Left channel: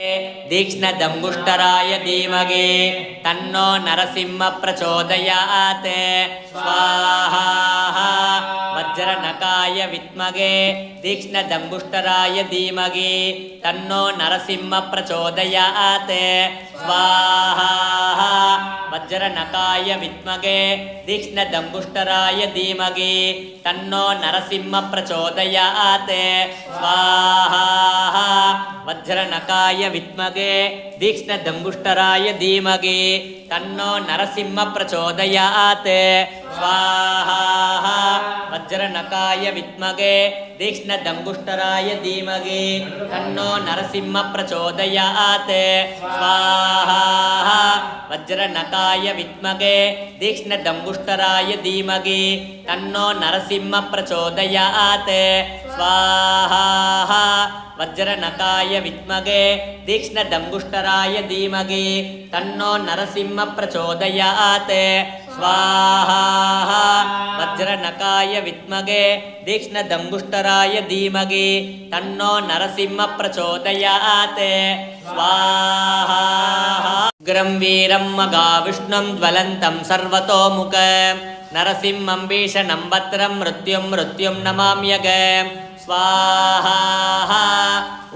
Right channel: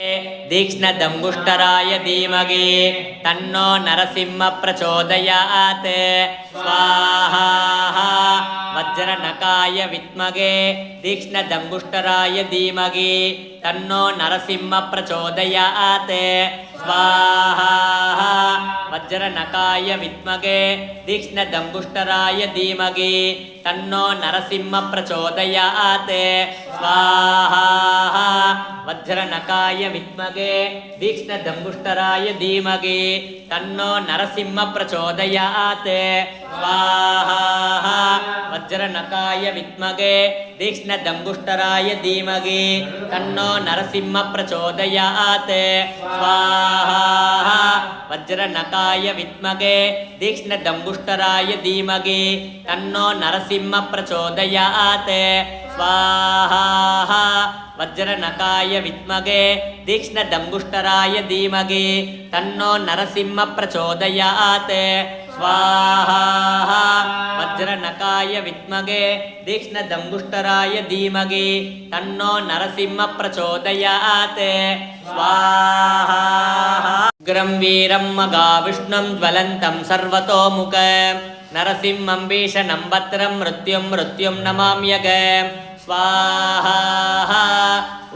तीक्ष्णदंगुष्टराय धीमहि तन्नो नरसिंह प्रचोदयात् स्वाहा वज्रनकाय विद्महे तीक्ष्णदंगुष्टराय धीमहि तन्नो नरसिंह प्रचोदयात् स्वाहा वज्रनकाय विद्महे तीक्ष्णदंगुष्टराय धीमहि तन्नो नरसिंह प्रचोदयात् स्वाहा वज्रनकाय विद्महे तीक्ष्णदंगुष्टराय धीमहि तन्नो नरसिंह प्रचोदयात् स्वाहा वज्रनकाय विद्महे तीक्ष्णदंगुष्टराय धीमहि तन्नो नरसिंह प्रचोदयात् स्वाहा वज्रनकाय विद्महे तीक्ष्णदंगुष्टराय धीमहि तन्नो नरसिंह प्रचोदयात् स्वाहा वज्रनकाय विद्महे तीक्ष्णदंगुष्टराय धीमहि तन्नो नरसिंह प्रचोदयात् स्वाहा वज्रनकाय विद्महे तीक्ष्णदंगुष्टराय धीमहि तन्नो नरसिंह प्रचोदयात् स्वाहा उग्रं वीरं मगाविष्णुं ज्वलन्तं सर्वतोमुखं नरसिंहं भीषणं भद्रं मृत्युं नमाम्यहम् स्वाहा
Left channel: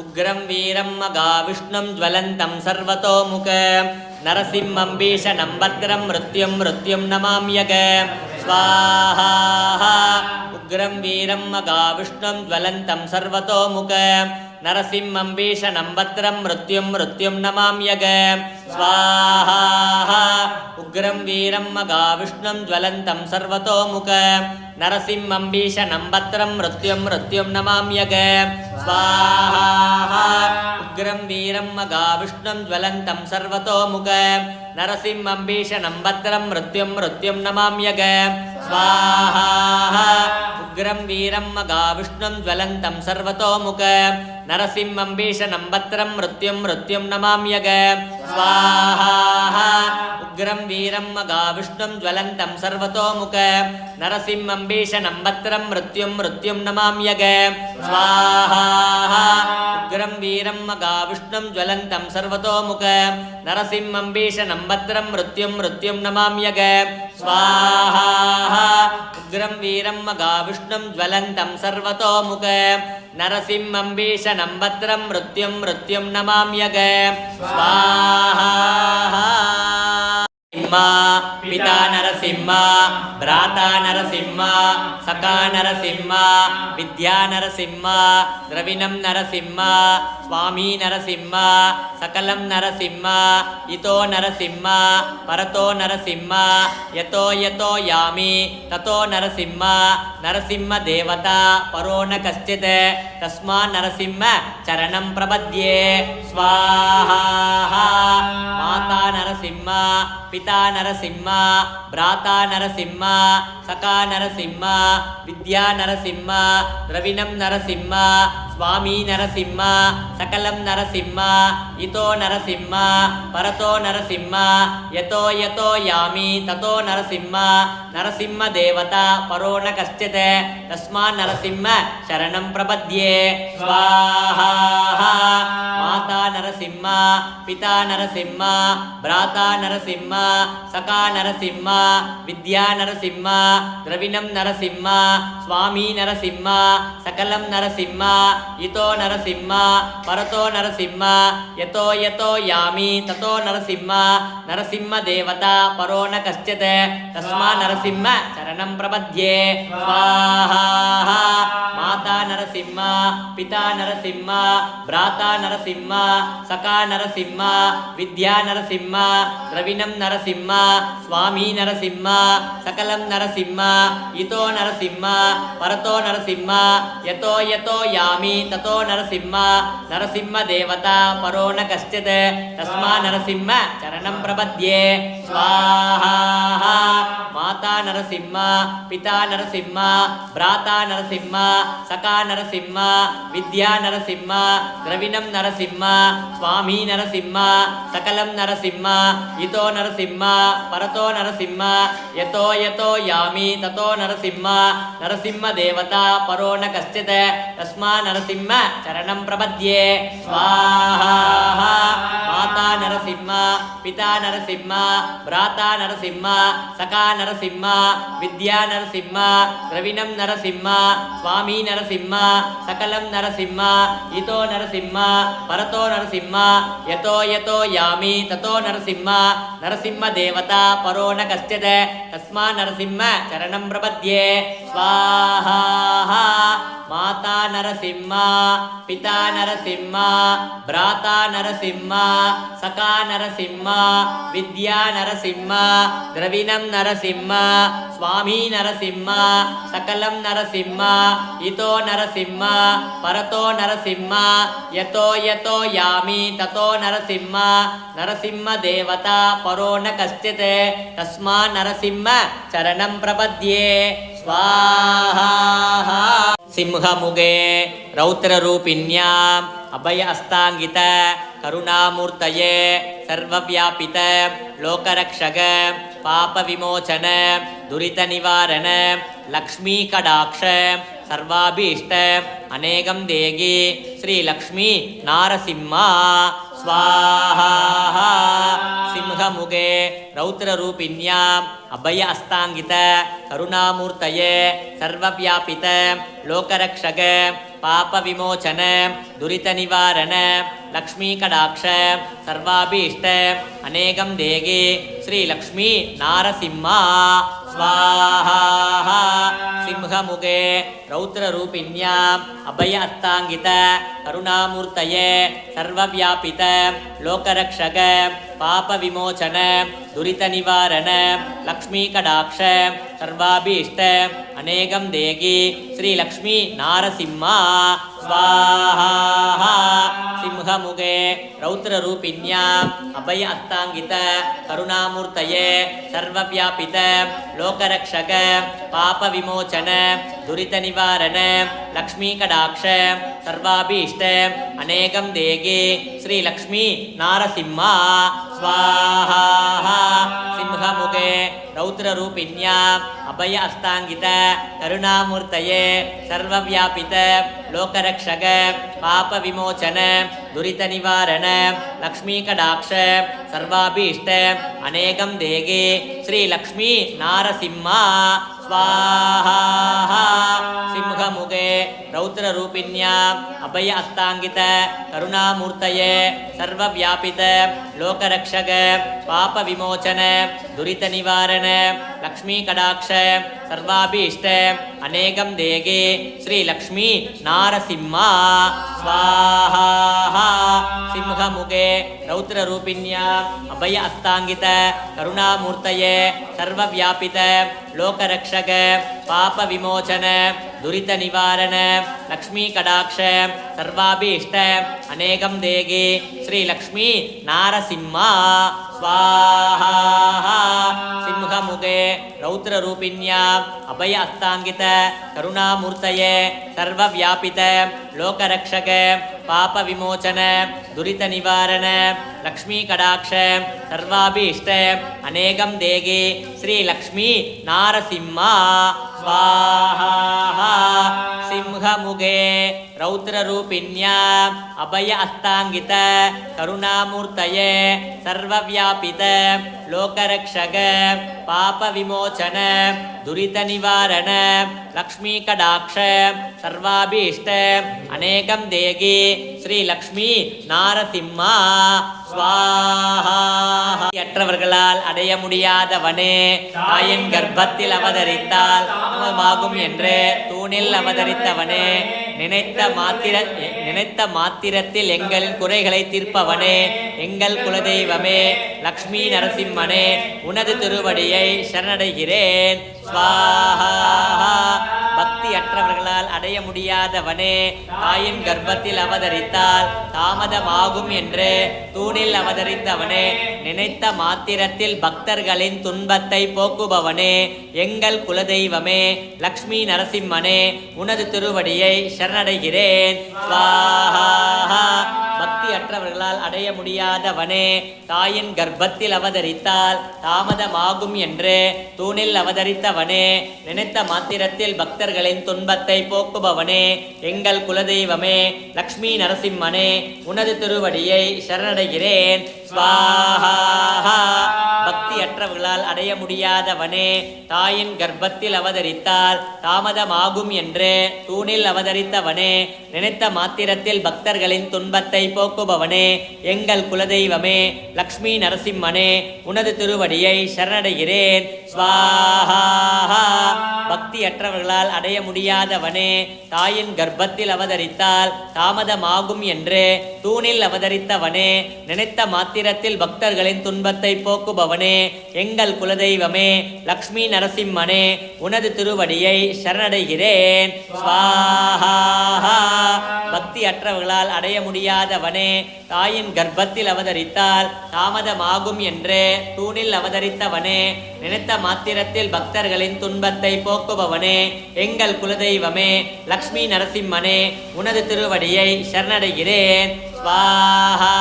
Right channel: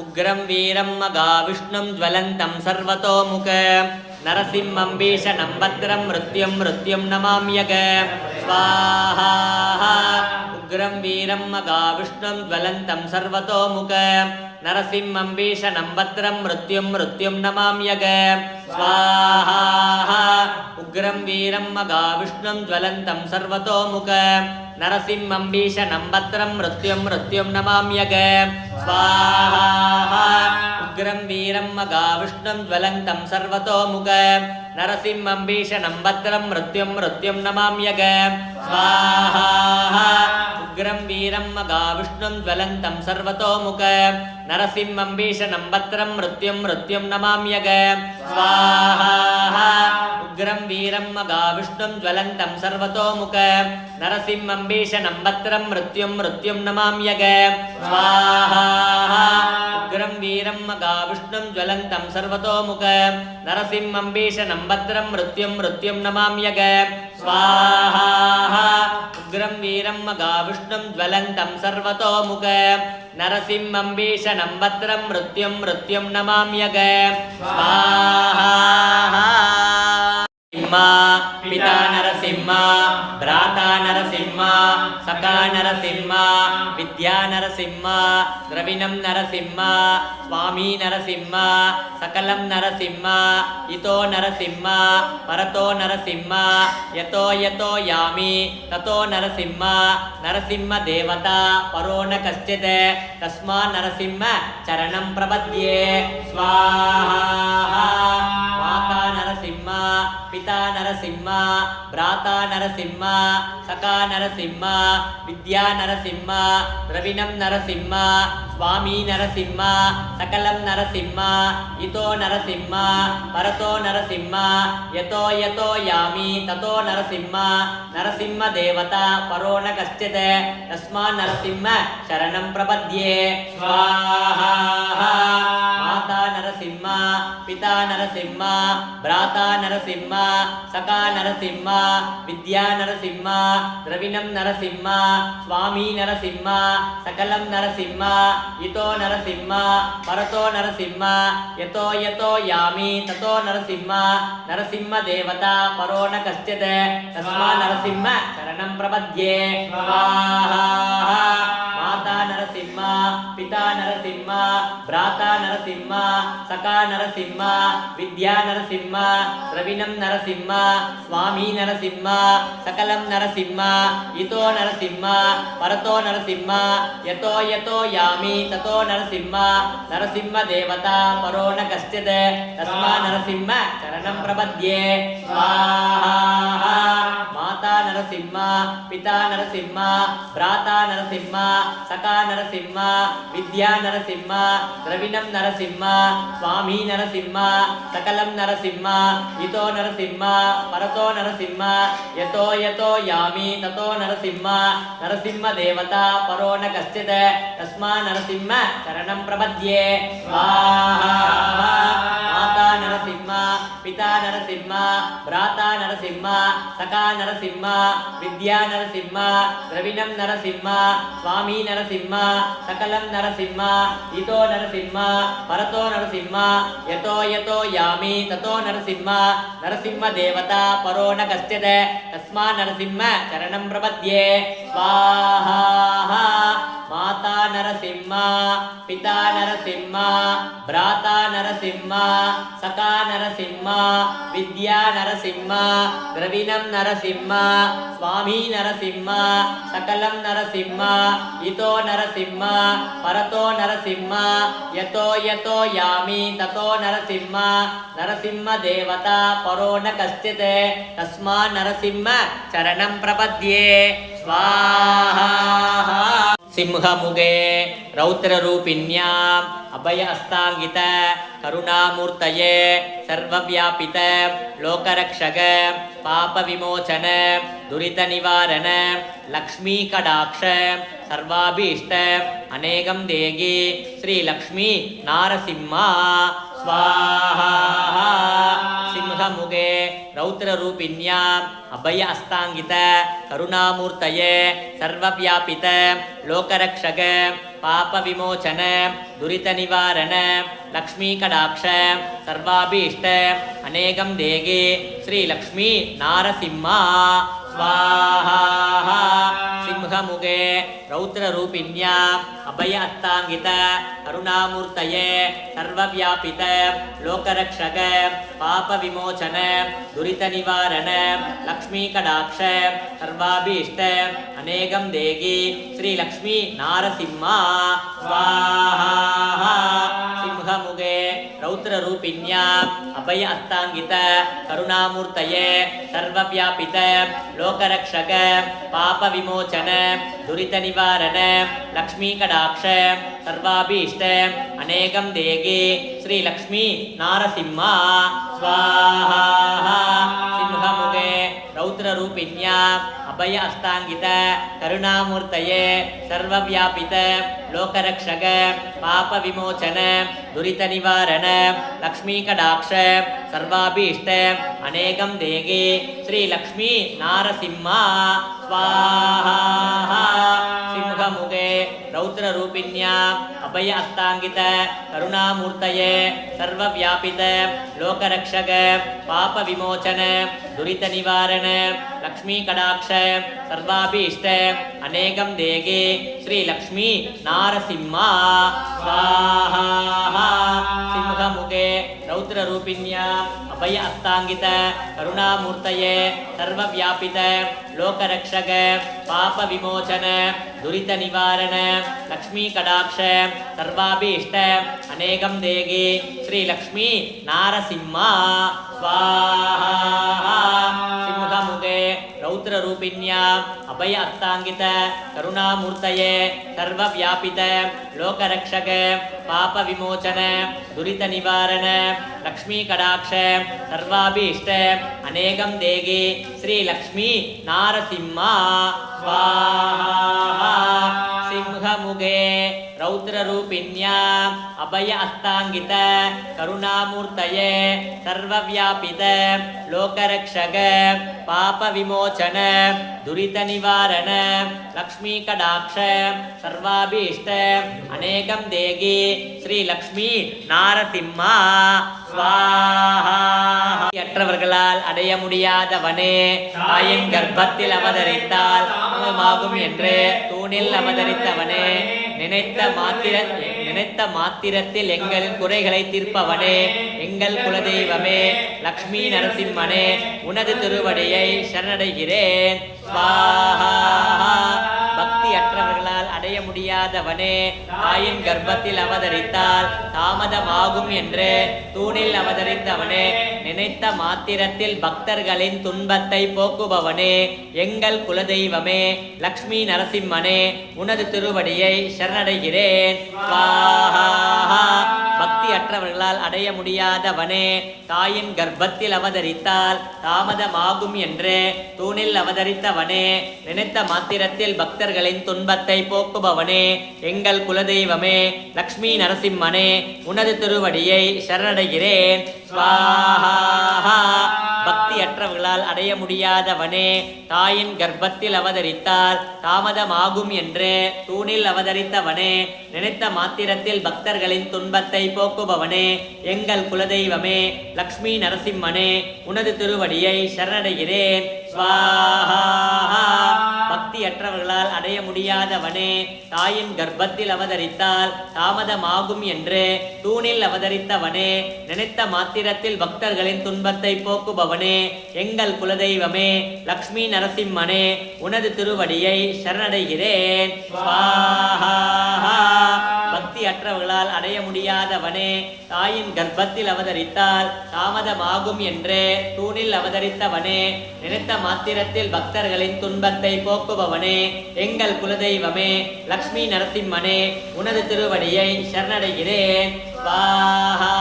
उग्रं वीरं मगाविष्णुं ज्वलन्तं सर्वतोमुखं नरसिंहं भीषणं भद्रं मृत्युं नमाम्यहम् स्वाहा उग्रं वीरं मगाविष्णुं ज्वलन्तं सर्वतोमुखं नरसिंहं भीषणं भद्रं मृत्युं नमाम्यहम् स्वाहा उग्रं वीरं मगाविष्णुं ज्वलन्तं सर्वतोमुखं नरसिंहं भीषणं भद्रं मृत्युं नमाम्यहम् स्वाहा उग्रं वीरं मगाविष्णुं ज्वलन्तं सर्वतोमुखं नरसिंहं भीषणं भद्रं मृत्युं नमाम्यहम् स्वाहा उग्रं वीरं मगाविष्णुं ज्वलन्तं सर्वतोमुखं नरसिंहं भीषणं भद्रं मृत्युं नमाम्यहम् स्वाहा उग्रं वीरं मगाविष्णुं ज्वलन्तं सर्वतोमुखं नरसिंहं भीषणं भद्रं मृत्युं नमाम्यहम् स्वाहा उग्रं वीरं मगाविष्णुं ज्वलन्तं सर्वतोमुखं नरसिंहं भीषणं भद्रं मृत्युं नमाम्यहम् स्वाहा उग्रं वीरं मगाविष्णुं ज्वलन्तं सर्वतोमुखं नरसिंहं भीषणं भद्रं मृत्युं नमाम्यहम् स्वाहा पिता नरसिंह भ्राता नरसिंह सखा नरसिंह विद्या नरसिंह द्रविणं नरसिंह स्वामी नरसिंह सकलं नरसिंह इतो नरसिंह परतो नरसिंह यतो यामि ततो नरसिंह नरसिंह देवता परो न कश्चित् तस्मात् नरसिंह चरणं प्रपद्ये स्वाहा माता नरसिंह पिता नरसिंह भ्राता नरसिंह सखा नरसिंह विद्या नरसिंह द्रविणं नरसिंह स्वामी नरसिंह सकलं नरसिंह इतो नरसिंह परतो नरसिंह यतो यामि ततो नरसिंह नरसिंह देवता परो न कश्चित् तस्मात् नरसिंह शरणं प्रपद्ये स्वाहा माता नरसिंह पिता नरसिंह भ्राता नरसिंह सखा नरसिंह विद्या नरसिंह द्रविणं नरसिंह स्वामी नरसिंह सकलं नरसिंह इतो नरसिंह परतो नरसिंह यतो यामि ततो नरसिंह नरसिंह देवता परो न कश्चित् तस्मात् नरसिंह शरणं प्रपद्ये स्वाहा माता नरसिंह पिता नरसिंह भ्राता नरसिंह सखा नरसिंह विद्या नरसिंह द्रविणं नरसिंह स्वामी नरसिंह सकलं नरसिंह इतो नरसिंह परतो नरसिंह यतो यामि ततो नरसिंह नरसिंह देवता परो न कश्चित् तस्मात् नरसिंह चरणं प्रपद्ये स्वाहा माता नरसिंह पिता नरसिंह भ्राता नरसिंह सखा नरसिंह నరసింహ విద్యా నరసింహ ద్రవిణం నరసింహ స్వామి నరసింహ సకలం నరసింహ ఇతో నరసింహ పరతో నరసింహ యతో యతో యామి తతో నరసింహ నరసింహ దేవత పరో న కశ్చిత్ తస్మా నరసింహ చరణం ప్రపద్యే స్వాహా మాతా నరసింహ పితా నరసింహ భ్రాతా నరసింహ సఖా నరసింహ విద్యా నరసింహ ద్రవిణం నరసింహ స్వామి నరసింహ సకలం నరసింహ ఇతో నరసింహ పరతో నరసింహ యతో యతో యామి తతో నరసింహ నరసింహ దేవత పరో న కశ్చిత్ తస్మా నరసింహ చరణం ప్రపద్యే స్వాహా మాతా నరసింహ పితా నరసింహ భ్రాతా నరసింహ సఖా నరసింహ విద్యా నరసింహ ద్రవిణం నరసింహ స్వామి నరసింహ సకలం నరసింహ ఇతో నరసింహ పరతో నరసింహ యతో యతో యామి తతో నరసింహ నరసింహ దేవత పరో న కశ్చిత్ తస్మా నరసింహ చరణం ప్రపద్యే స్వాహా సింహముగే రౌద్రరూపిణ్యాం అభయ హస్తాంగిత కరుణామూర్తయే సర్వవ్యాపిత లోకరక్షక పాప విమోచన దురిత నివారణ లక్ష్మీ కటాక్ష సర్వాభీష్ట అనేకం దేగి శ్రీ లక్ష్మీ నారసింహ స్వాహా సింహముగే రౌద్రరూపిణ్యాం అభయ హస్తాంగిత కరుణామూర్తయే సర్వవ్యాపిత లోకరక్షక పాప విమోచన దురిత నివారణ లక్ష్మీ కటాక్ష సర్వాభీష్ట అనేకం దేగి శ్రీ లక్ష్మీ నారసింహ స్వాహా సింహముగే రౌద్రరూపిణ్యాం అభయ హస్తాంగిత కరుణామూర్తయే సర్వవ్యాపిత లోకరక్షక పాప విమోచన దురిత నివారణ లక్ష్మీ కటాక్ష సర్వాభీష్ట అనేకం దేగి శ్రీ లక్ష్మీ నారసింహ స్వాహా సింహముగే రౌద్రరూపిణ్యాం అభయ హస్తాంగిత కరుణామూర్తయే సర్వవ్యాపిత లోకరక్షక పాప విమోచన దురిత నివారణ లక్ష్మీ కటాక్ష సర్వాభీష్ట అనేకం దేగి శ్రీ లక్ష్మీ నారసింహ స్వాహా సింహముగే రౌద్రరూపిణ్యాం అభయ హస్తాంగిత కరుణామూర్తయే సర్వవ్యాపిత లోకరక్షక పాప విమోచన దురిత నివారణ లక్ష్మీ కటాక్ష సర్వాభీష్ట అనేకం దేగి శ్రీ లక్ష్మీ నారసింహ స్వాహా సింహముగే రౌద్రరూపిణ్యాం అభయ హస్తాంగిత కరుణామూర్తయే సర్వవ్యాపిత లోకరక్షక పాప విమోచన దురిత నివారణ లక్ష్మీ కటాక్ష సర్వాభీష్ట అనేకం దేగి శ్రీ లక్ష్మీ నారసింహ స్వాహా సింహముగే రౌద్రరూపిణ్యాం అభయ హస్తాంగిత కరుణామూర్తయే సర్వవ్యాపిత లోకరక్షక పాప విమోచన దురిత నివారణ లక్ష్మీ కటాక్ష సర్వాభీష్ట అనేకం దేగి శ్రీ లక్ష్మీ నారసింహ స్వాహా సింహముగే రౌద్రరూపిణ్యాం అభయ హస్తాంగిత కరుణామూర్తయే సర్వవ్యాపిత లోకరక్షక పాప విమోచన దురిత నివారణ లక్ష్మీ కటాక్ష సర్వాభీష్ట అనేకం దేగి శ్రీ లక్ష్మీ నారసింహ స్వాహా సింహముగే రౌద్రరూపిణ్యాం అభయ హస్తాంగిత కరుణామూర్తయే సర్వవ్యాపిత లోకరక్షక పాప విమోచన దురిత నివారణ లక్ష్మీ కటాక్ష సర్వాభీష్ట అనేకం దేగి శ్రీ லக்ஷ்மி நாரசிம்மா ஸ்வாஹா. அற்றவர்களால் அடைய முடியாதவனே, தாயின் கர்ப்பத்தில் அவதரித்தால் ஆகும் என்று தூணில் அவதரித்தவனே, நினைத்த மாத்திரத்தில் எங்கள் குறைகளை தீர்ப்பவனே, எங்கள் குலதெய்வமே, லக்ஷ்மி நரசிம்மனே, உனது திருவடியை சரணடைகிறேன். ஸ்வாஹா. பக்தி அற்றவர்களால் அடைய முடியாதவனே தாயின் கர்ப்பத்தில் அவதரித்தால் தாமதமாகும் என்று தூணில் அவதரித்தவனே நினைத்த மாத்திரத்தில் பக்தர்களின் துன்பத்தை போக்குபவனே எங்கள் குலதெய்வமே லக்ஷ்மி நரசிம்மனே உனது திருவடியை சரணடைகிறேன். ஸ்வாஹா. பக்தி அற்றவர்களால் அடைய முடியாதவனே தாயின் கர்ப்பத்தில் அவதரித்தால் தாமதமாகும் என்று தூணில் அவதரித்தவனே நினைத்த மாத்திரத்தில் பக்தர்களின் துன்பத்தை போக்குபவனே எங்கள் குலதெய்வமே லக்ஷ்மி நரசிம்மனே உனது திருவடியை சரணடைகிறேன். ஸ்வாஹா. பக்தி அற்றவர்களால் அடைய முடியாதவனே தாயின் கர்ப்பத்தில் அவதரித்தால் தாமதமாகும் என்று தூணில் அவதரித்தவனே நினைத்த மாத்திரத்தில் பக்தர்களின் துன்பத்தை போக்குபவனே எங்கள் குலதெய்வமே லக்ஷ்மி நரசிம்மனே உனது திருவடியை சரணடைகிறேன். ஸ்வாஹா. பக்தி அற்றவர்களால் அடைய முடியாதவனே தாயின் கர்ப்பத்தில் அவதரித்தால் தாமதமாகும் என்று தூணில் அவதரித்தவனே நினைத்த மாத்திரத்தில் பக்தர்களின் துன்பத்தை போக்குபவனே எங்கள் குலதெய்வமே லக்ஷ்மி நரசிம்மனே உனது திருவடியை சரணடைகிறேன். ஸ்வாஹா. பக்தி அற்றவர்களால் அடைய முடியாதவனே தாயின் கர்ப்பத்தில் அவதரித்தால் தாமதமாகும் என்று தூணில் அவதரித்தவனே நினைத்த மாத்திரத்தில் பக்தர்களின் துன்பத்தை போக்குபவனே எங்கள் குலதெய்வமே லக்ஷ்மி நரசிம்மனே உனது திருவடியை சரணடைகிறேன். ஸ்வாஹா.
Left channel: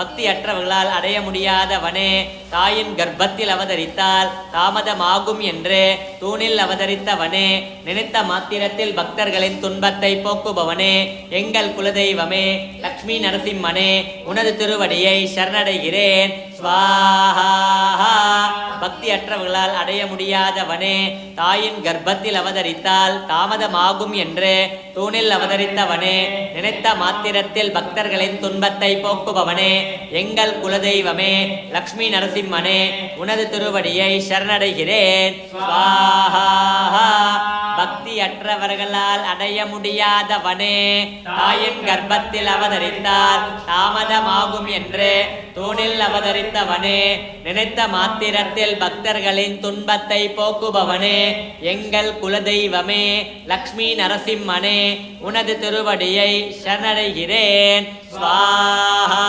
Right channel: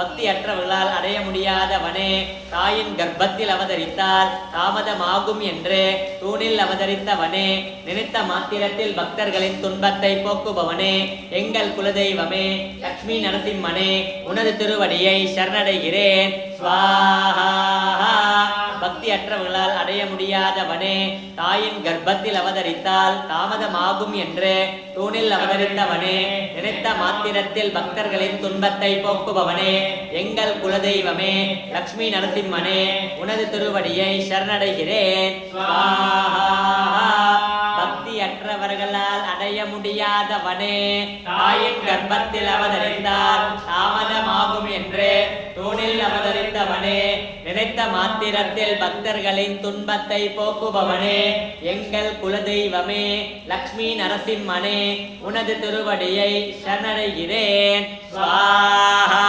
பக்தி அற்றவர்களால் அடைய முடியாதவனே தாயின் கர்ப்பத்தில் அவதரித்தால் தாமதமாகும் என்று தூணில் அவதரித்தவனே நினைத்த மாத்திரத்தில் பக்தர்களின் துன்பத்தை போக்குபவனே எங்கள் குலதெய்வமே லக்ஷ்மி நரசிம்மனே உனது திருவடியை சரணடைகிறேன். ஸ்வாஹா. பக்தி அற்றவர்களால் அடைய முடியாதவனே தாயின் கர்ப்பத்தில் அவதரித்தால் தாமதமாகும் என்று தூணில் அவதரித்தவனே நினைத்த மாத்திரத்தில் பக்தர்களின் துன்பத்தை போக்குபவனே எங்கள் குலதெய்வமே லக்ஷ்மி நரசிம்மனே உனது திருவடியை சரணடைகிறேன். ஸ்வாஹா. பக்தி அற்றவர்களால் அடைய முடியாதவனே தாயின் கர்ப்பத்தில் அவதரித்தால் தாமதமாகும் என்று தூணில் அவதரித்தவனே நினைத்த மாத்திரத்தில் பக்தர்களின் துன்பத்தை போக்குபவனே எங்கள் குலதெய்வமே லக்ஷ்மி நரசிம்மனே உனது திருவடியை சரணடைகிறேன். ஸ்வாஹா.